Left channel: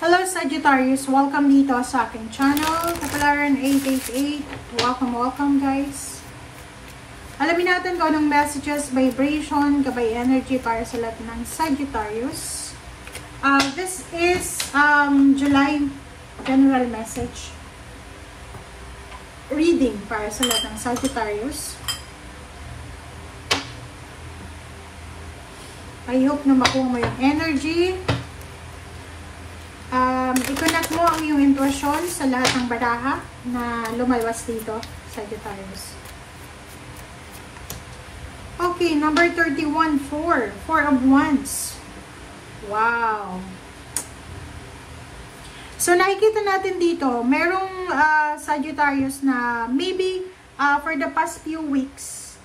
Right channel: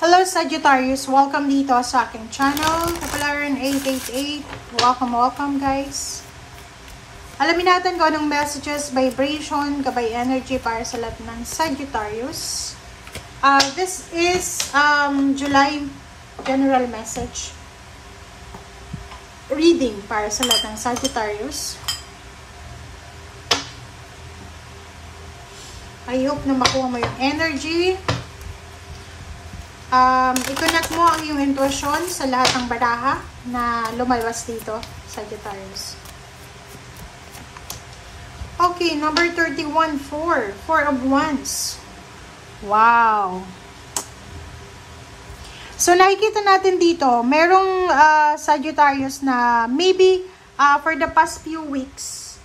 Hello Sagittarius, welcome dito sa aking channel, Kapalaran 888. Welcome guys. Alamin natin kung anong messages, vibration, gabay energy para sa lahat ng Sagittarius. This is July general message reading para sa lahat ng Sagittarius. I hope na makuha mo yung energy. I-connect mo ang iyong intuition sa lahat ng baraha na lumalabas dito, Sagittarius. Okay, number 31, 4 of Wands. Wow! So, nakikita natin dito, merong Sagittarius na maybe for the past few weeks,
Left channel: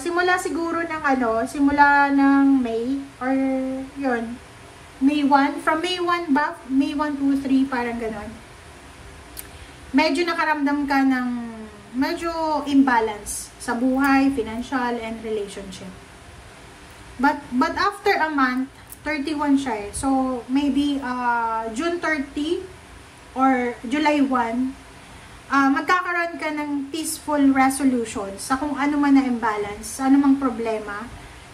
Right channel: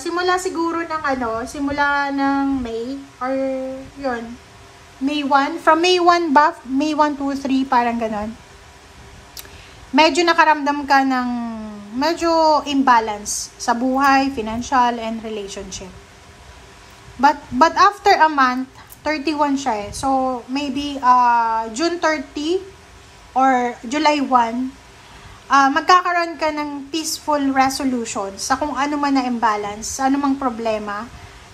simula siguro ng simula ng May, or yun, May 1, from May 1 ba? May 1, 2, 3, parang ganon. Medyo nakaramdam ka ng medyo imbalance sa buhay, financial, and relationship. But after a month, 31 siya eh. So, maybe June 30 or July 1, magkakaroon ka ng peaceful resolution sa kung ano man na imbalance, ano mang problema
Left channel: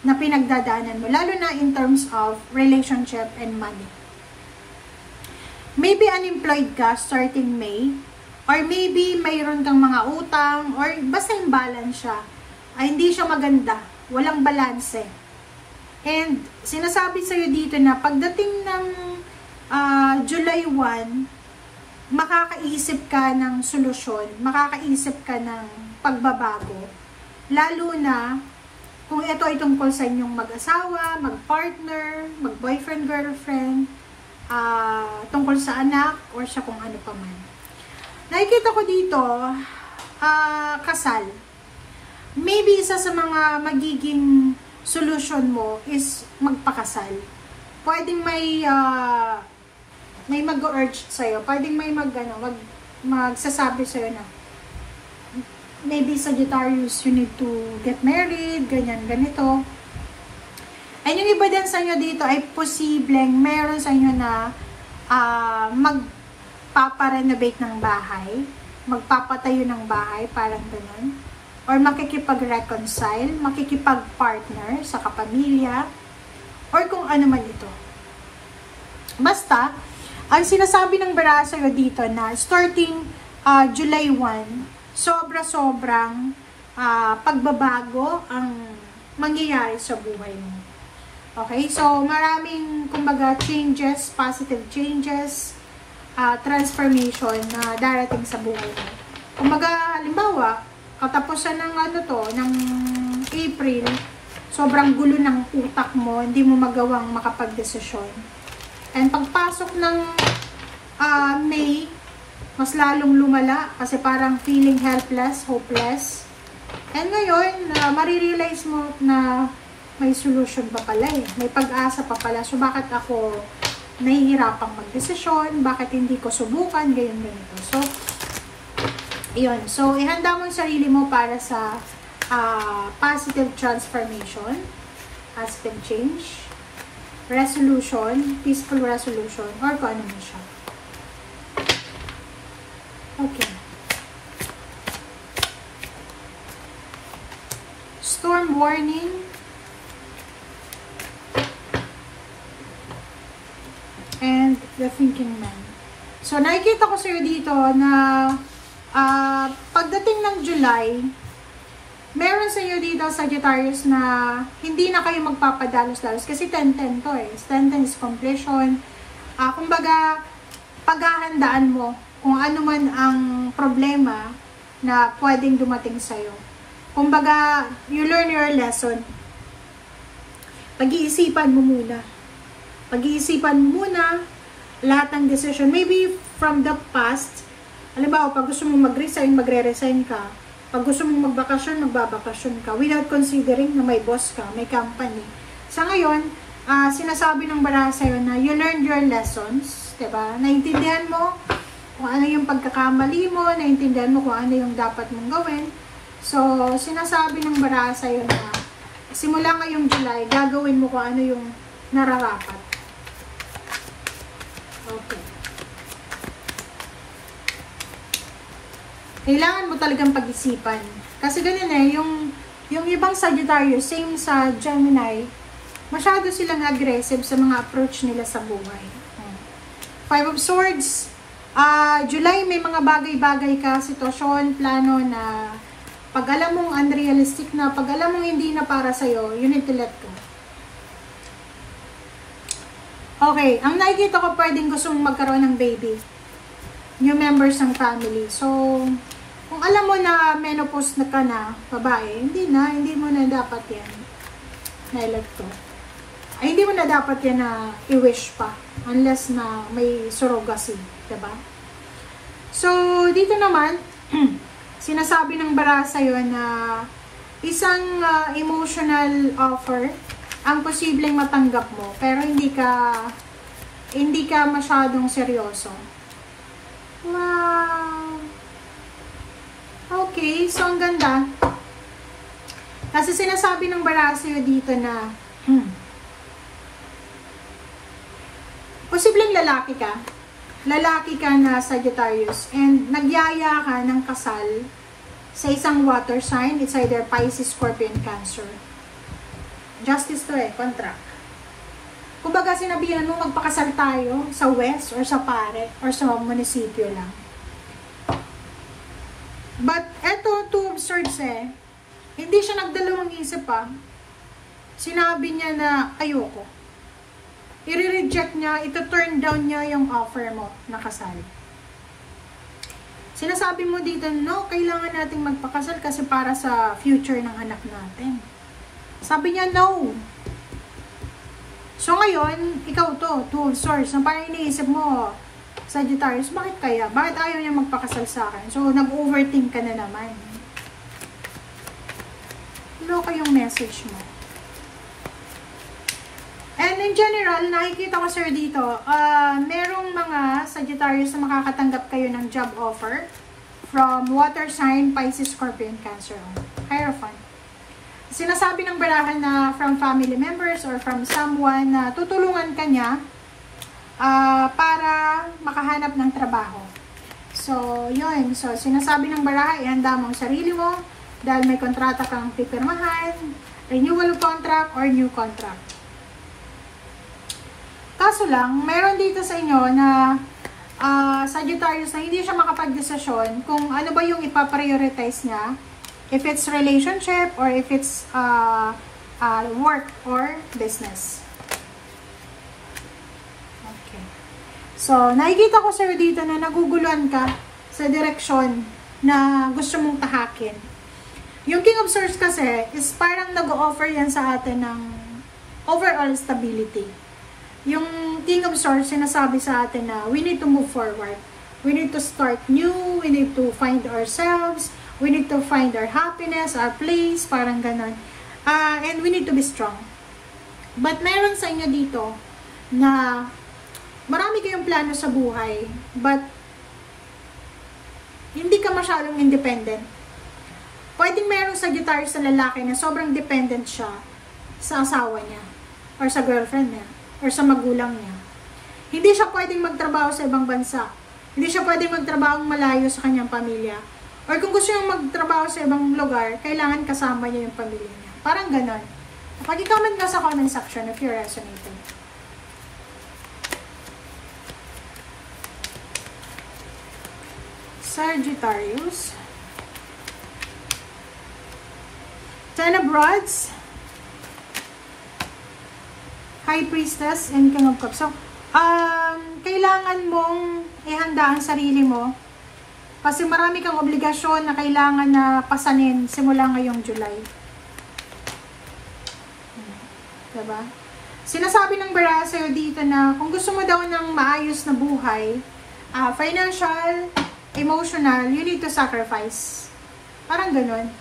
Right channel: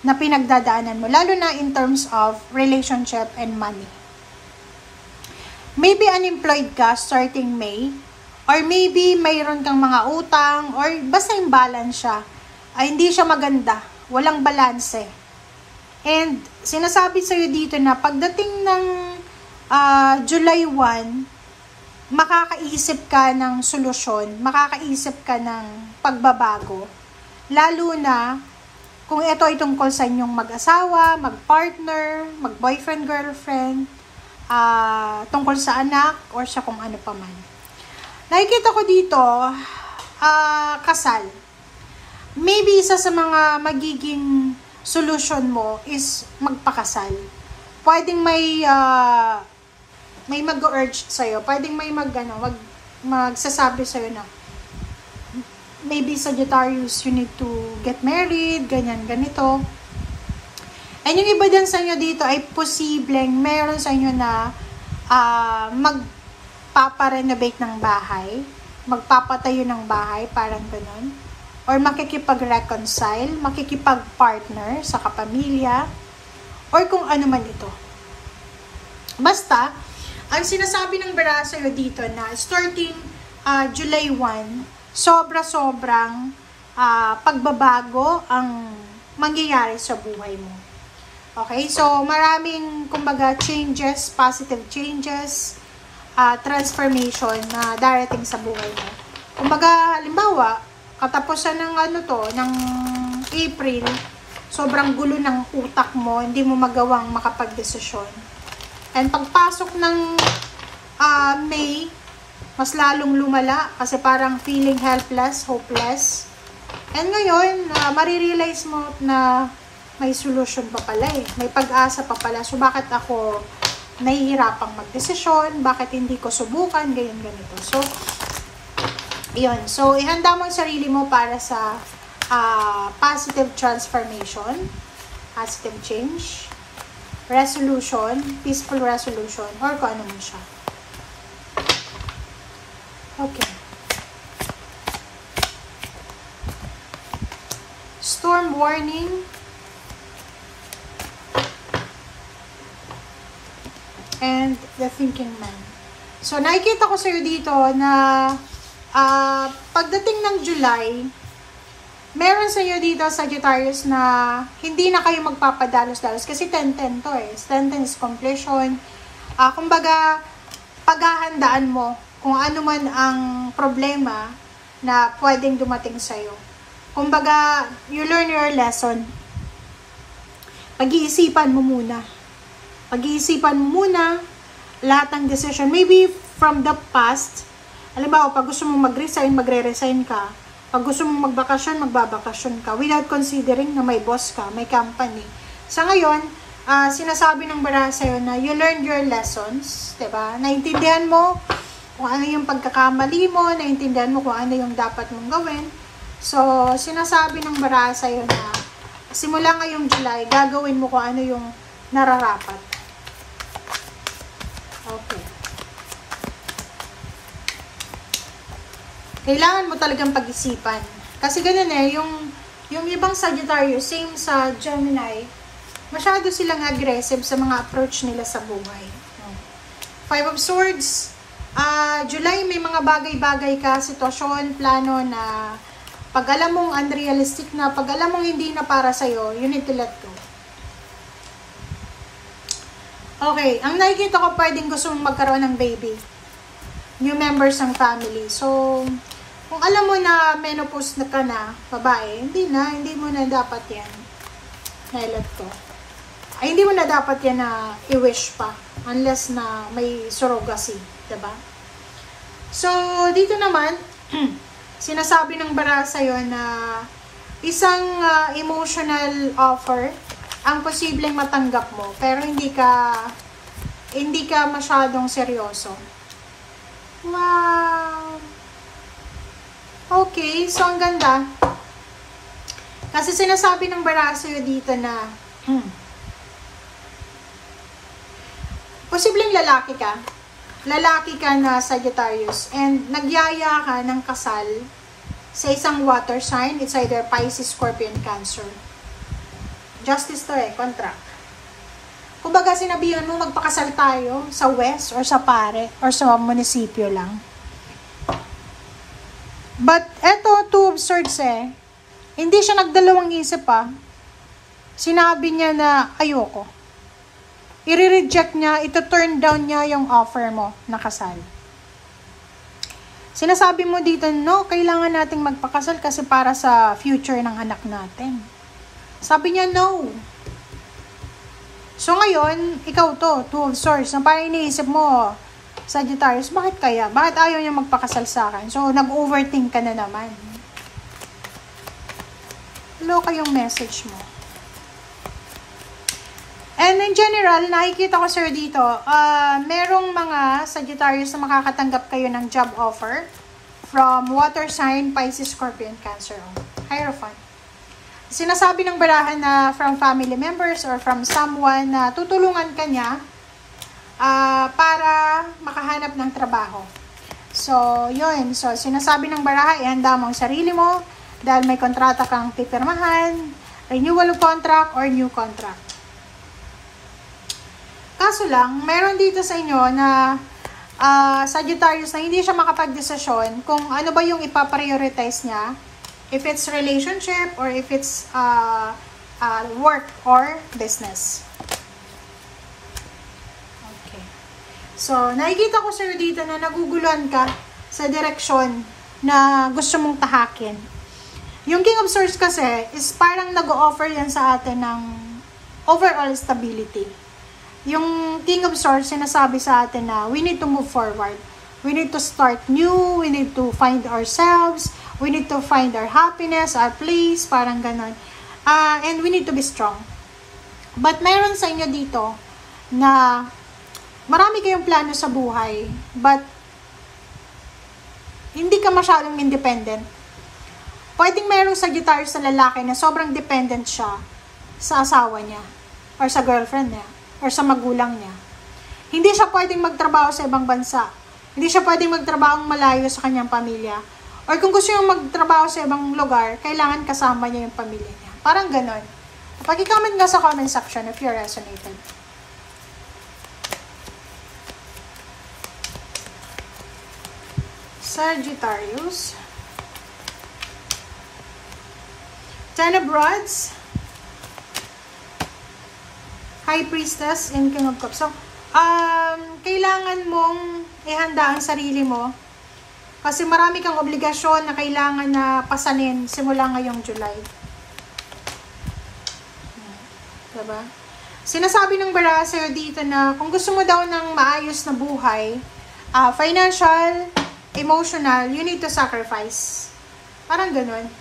na pinagdadaanan mo, lalo na in terms of relationship and money. Maybe unemployed ka starting May, or maybe mayroon kang mga utang, or basta imbalance siya. Hindi siya maganda, walang balanse. And sinasabi sa'yo dito na pagdating ng July 1, makakaisip ka ng solusyon, makakaisip ka ng pagbabago, lalo na kung ito ay tungkol sa inyong mag-asawa, mag-partner, mag-boyfriend, girlfriend, tungkol sa anak, or sa kung ano pa man. Nakikita ko dito, kasal. Maybe isa sa mga magiging solution mo is magpakasal. Pwedeng may mag-urge sa'yo, pwedeng may magsasabi sa'yo na, maybe Sagittarius, you need to get married, ganyan, ganito. And yung iba din sa inyo dito ay posibleng meron sa inyo na magpaparenovate ng bahay, magpapatayo ng bahay, parang ganun. Or makikipag-reconcile, makikipag-partner sa kapamilya, or kung ano man ito. Basta, ang sinasabi ng bara sa'yo dito na starting July 1, sobra-sobrang pagbabago ang mangyayari sa buhay mo. Okay? So, maraming, kumbaga, changes, positive changes, transformation na darating sa buhay mo. Kumbaga, halimbawa, katapusan ng ng April, sobrang gulo ng utak mo, hindi mo magawang makapag-desisyon. And pagpasok ng May, mas lalong lumala kasi parang feeling helpless, hopeless. And ngayon, marirealize mo na may solution pa pala eh. May pag-asa pa pala. So, bakit ako nahihirapang magdesisyon? Bakit hindi ko subukan? Ganyan, ganito. So, yun. So, ihanda mo yung sarili mo para sa positive transformation, positive change, resolution, peaceful resolution, or kung ano man siya. Okay. Storm warning. And the thinking man. So, nakikita ko sa'yo dito na pagdating ng July, meron sa'yo dito, Sagittarius, na hindi na kayo magpapadalos-dalos kasi 10-10 to eh. 10-10 is completion. Kumbaga, paghahandaan mo kung ano man ang problema na pwedeng dumating sa'yo. Kumbaga, you learn your lesson. Pag-iisipan mo muna. Pag-iisipan mo muna lahat ng decision. Maybe from the past, alam ba, pag gusto mong mag-resign, magre-resign ka. Pag gusto mong magbakasyon, magbabakasyon ka. Without considering na may boss ka, may company. Sa ngayon, sinasabi ng baraha sa'yo na you learned your lessons. Diba? Naintindihan mo kung ano yung pagkakamali mo, naintindihan mo kung ano yung dapat mong gawin. So, sinasabi ng baraha sa'yo na simula ngayong July, gagawin mo kung ano yung nararapat. Okay. Kailangan mo talagang pag-isipan. Kasi ganun eh, yung ibang Sagittarius, same sa Gemini, masyado silang aggressive sa mga approach nila sa buhay. Five of Swords, July may mga bagay-bagay ka, sitwasyon, plano na pag alam mong unrealistic na, pag alam mong hindi na para sa'yo, you need to let go. Okay, ang nakikita ko pwedeng gusto mong magkaroon ng baby. New members ng family. So, kung alam mo na menopause na ka na, babae, hindi mo na dapat yan. Na-let ko. Ay, hindi mo na dapat yan na i-wish pa. Unless na may surrogacy. Diba? So, dito naman, sinasabi ng bara sa'yo na isang emotional offer ang posibleng matanggap mo. Pero hindi ka masyadong seryoso. Wow! Okay, so ang ganda. Kasi sinasabi ng bara sa'yo dito na posibleng lalaki ka. Lalaki ka na Sagittarius and nagyaya ka ng kasal sa isang water sign. It's either Pisces, Scorpion, Cancer. Justice to eh, contract. Kumbaga sinabihan mo magpakasal tayo sa west or sa pare or sa munisipyo lang. But eto, Two of Swords eh, hindi siya nagdalawang isip pa. Sinabi niya na ayoko. I-reject niya, ito-turn down niya yung offer mo na kasal. Sinasabi mo dito, no, kailangan nating magpakasal kasi para sa future ng anak natin. Sabi niya, no. So ngayon, ikaw to, Two of Swords, na parang iniisip mo, Sagittarius, bakit kaya? Bakit ayaw niya magpakasal sa akin? So, nag-overthink ka na naman. Loka yung message mo. And in general, nakikita ko sir dito, merong mga Sagittarius na makakatanggap kayo ng job offer from water sign, Pisces, Scorpion, Cancer. Hierophant. Sinasabi ng barahan na from family members or from someone na tutulungan ka niya para makahanap ng trabaho. So, yun. So, sinasabi ng baraha, ihanda mo ang sarili mo dahil may kontrata kang pipirmahan, renewal of contract or new contract. Kaso lang, meron dito sa inyo na Sagittarius na hindi siya makapag-desisyon kung ano ba yung ipaprioritize niya, if it's relationship or if it's work or business. Okay. So, nakikita ko sir dito na naguguluhan ka sa direksyon na gusto mong tahakin. Yung King of Swords kasi is parang nag-o-offer yan sa atin ng overall stability. Yung King of Swords, sinasabi sa atin na we need to move forward. We need to start new. We need to find ourselves. We need to find our happiness, our place, parang ganon. And we need to be strong. But mayroon sa inyo dito na marami kayong plano sa buhay, but hindi ka masyadong independent. Pwedeng mayroong Sagittarius na lalaki na sobrang dependent siya sa asawa niya, or sa girlfriend niya, or sa magulang niya. Hindi siya pwedeng magtrabaho sa ibang bansa. Hindi siya pwedeng magtrabaho malayo sa kanyang pamilya. Or kung gusto niyang magtrabaho sa ibang lugar, kailangan kasama niya yung pamilya niya. Parang ganon. Pag-comment ka sa comment section if you resonated. Sagittarius. Ten of Rods. High Priestess and King of Cups. So, kailangan mong ihanda ang sarili mo kasi marami kang obligasyon na kailangan na pasanin simula ngayong July. Diba? Sinasabi ng bara sa'yo dito na kung gusto mo daw ng maayos na buhay, financial, emotional, you need to sacrifice. Parang ganun.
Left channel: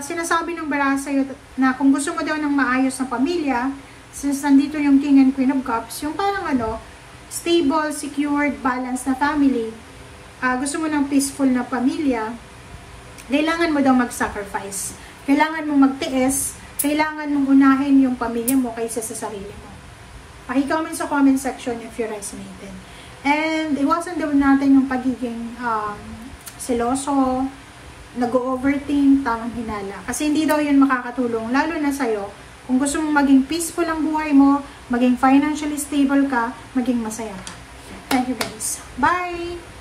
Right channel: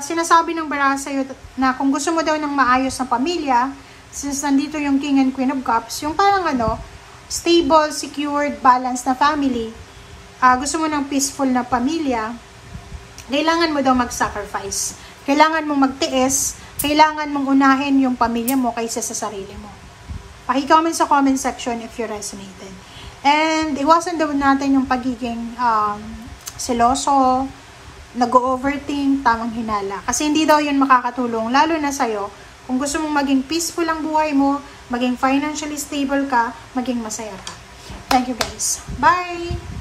Sinasabi ng bara sa'yo na kung gusto mo daw ng maayos na pamilya, since nandito yung King and Queen of Cups, yung parang stable, secured, balanced na family, gusto mo ng peaceful na pamilya, kailangan mo daw mag-sacrifice. Kailangan mong magtiis, kailangan mong unahin yung pamilya mo kaysa sa sarili mo. Paki-comment sa comment section if you resonated. And iwasan daw natin yung pagiging seloso, nag-overthink, tamang hinala. Kasi hindi daw yun makakatulong, lalo na sa'yo. Kung gusto mong maging peaceful ang buhay mo, maging financially stable ka, maging masaya ka. Thank you guys. Bye!